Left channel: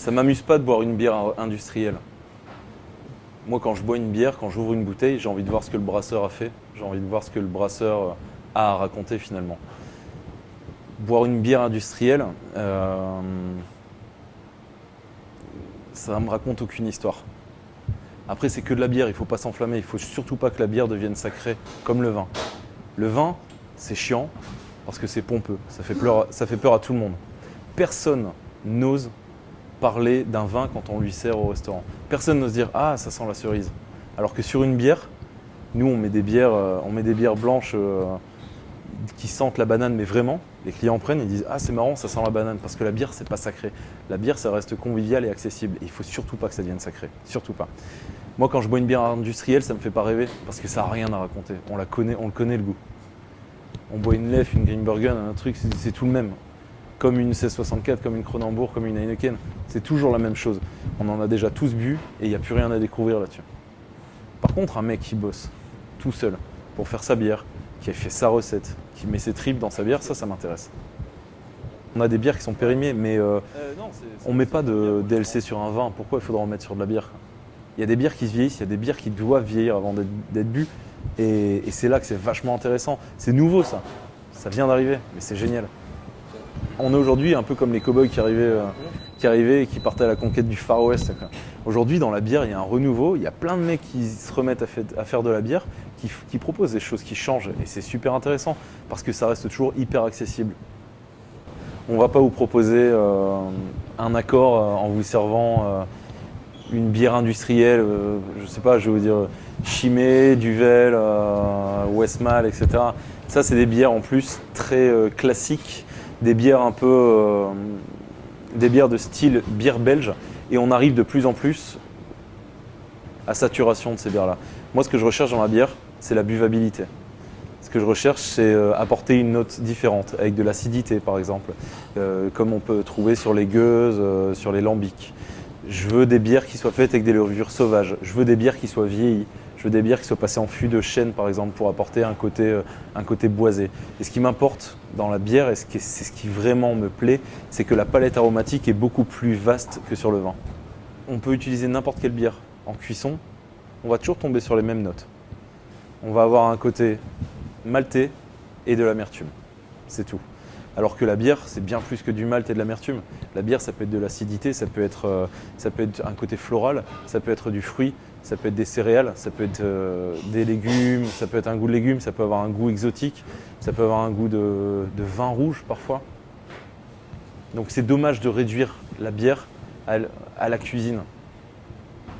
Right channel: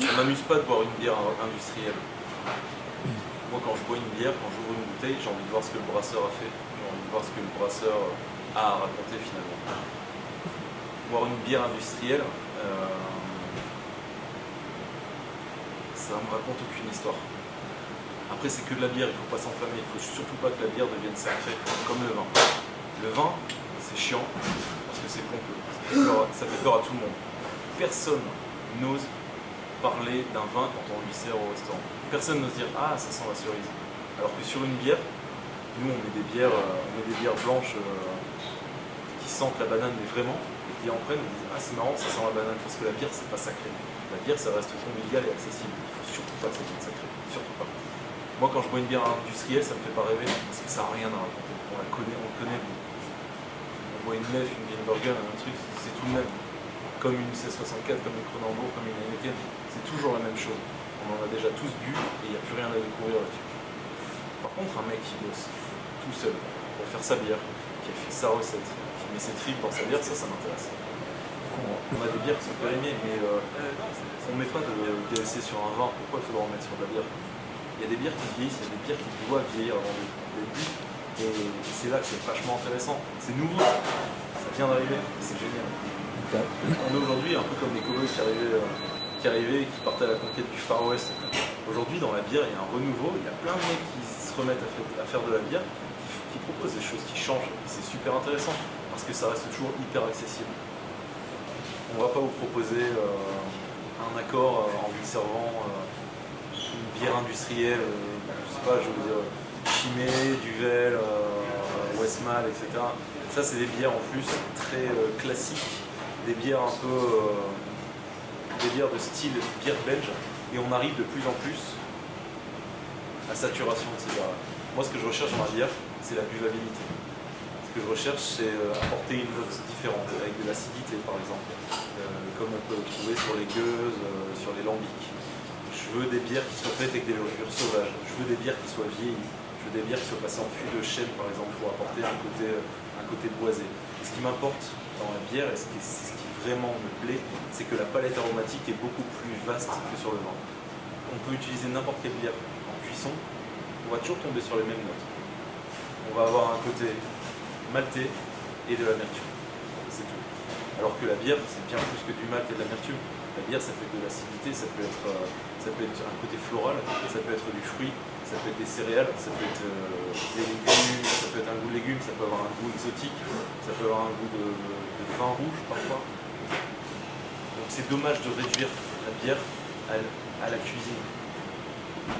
Ça m'amuse pas de boire une bière industrielle. Moi, quand je bois une bière, quand j'ouvre une bouteille, j'ai envie de voir ce que le brasseur a fait. J'ai envie de voir ce que le brasseur a à raconter finalement. Boire une bière industrielle, ça me raconte aucune histoire. Après, c'est que de la bière, il ne faut pas s'enflammer. Il ne faut surtout pas que la bière devienne sacrée comme le vin. Le vin, c'est chiant parce que c'est pompeux. Ça fait peur à tout le monde. Personne n'ose parler d'un vin quand on lui sert au restaurant. Personne n'ose dire « Ah, ça sent la cerise ». Alors que sur une bière, nous, on met des bières blanches qui sentent la banane, mais vraiment. Les clients prennent et disent « Ah, c'est marrant, ça sent la banane ». Parce que la bière, c'est pas sacré. La bière, ça reste convivial et accessible. Il ne faut surtout pas que ça devienne sacré. Surtout pas. Moi, quand je bois une bière industrielle, ça me fait pas rêver parce que ça n'a rien à raconter. On connaît le goût. On boit une Leffe, une Greenbergen, un truc, c'est tout le même. Comme une 1664, comme une Kronenbourg, comme une Heineken. C'est toujours la même chose. On en a déjà tous bu et il n'y a plus rien à découvrir là-dessus. Par contre, un mec qui bosse tout seul pour faire sa bière, qui a fait sa recette, qui met ses tripes dans sa bière, ça m'intéresse. On a des bières qui sont périmées, mais on ne met pas de DLC sur un vin. Pourquoi il faudra en mettre sur de la bière? Il y a des bières qui se vieillissent, il y a des bières qui doivent vieillir avant d'être bues. Et c'est là que c'est vachement intéressant. C'est nouveau ça. Ça vient d'arriver et c'est génial. On est aujourd'hui un peu comme les cow-boys qui arrivaient et qui partaient à la conquête du Far West. Aujourd'hui, dans la bière, il y a un renouveau. Il y a plein de mecs qui se remettent à faire de la bière, qui proposent des choses qui changent. Et c'est super intéressant parce que ça reste toujours hyper accessible. On ne va pas vous proposer un accord en vous servant une bière industrielle, je sais pas, je vais vous dire Chimay, Duvel, Westmalle, etc. Ça, c'est des bières en plus très classiques, des bières un peu, des bières de style bière belge. Et on arrive de plus en plus à saturation de ces bières-là. Moi, ce que je recherche dans la bière, c'est la buvabilité. Ce que je recherche, c'est apporter une note différente, avec de l'acidité par exemple, comme on peut trouver sur les gueuses, sur les lambics. Je veux des bières qui soient faites avec des levures sauvages. Je veux des bières qui soient vieillies. Je veux des bières qui soient passées en fût de chêne, par exemple, pour apporter un côté boisé. Et ce qui m'importe dans la bière, et c'est ce qui vraiment me plaît, c'est que la palette aromatique est beaucoup plus vaste que sur le vin. On peut utiliser n'importe quelle bière en cuisson, on va toujours tomber sur les mêmes notes. On va avoir un côté maltais et de l'amertume. C'est tout. Alors que la bière, c'est bien plus que du malt et de l'amertume. La bière, ça peut être de l'acidité, ça peut être un côté floral, ça peut être du fruit, ça peut être des céréales, ça peut être des légumes, ça peut être un goût de légumes, ça peut avoir un goût exotique, ça peut avoir un goût de vin rouge parfois. Donc c'est dommage de réduire la bière à la cuisine.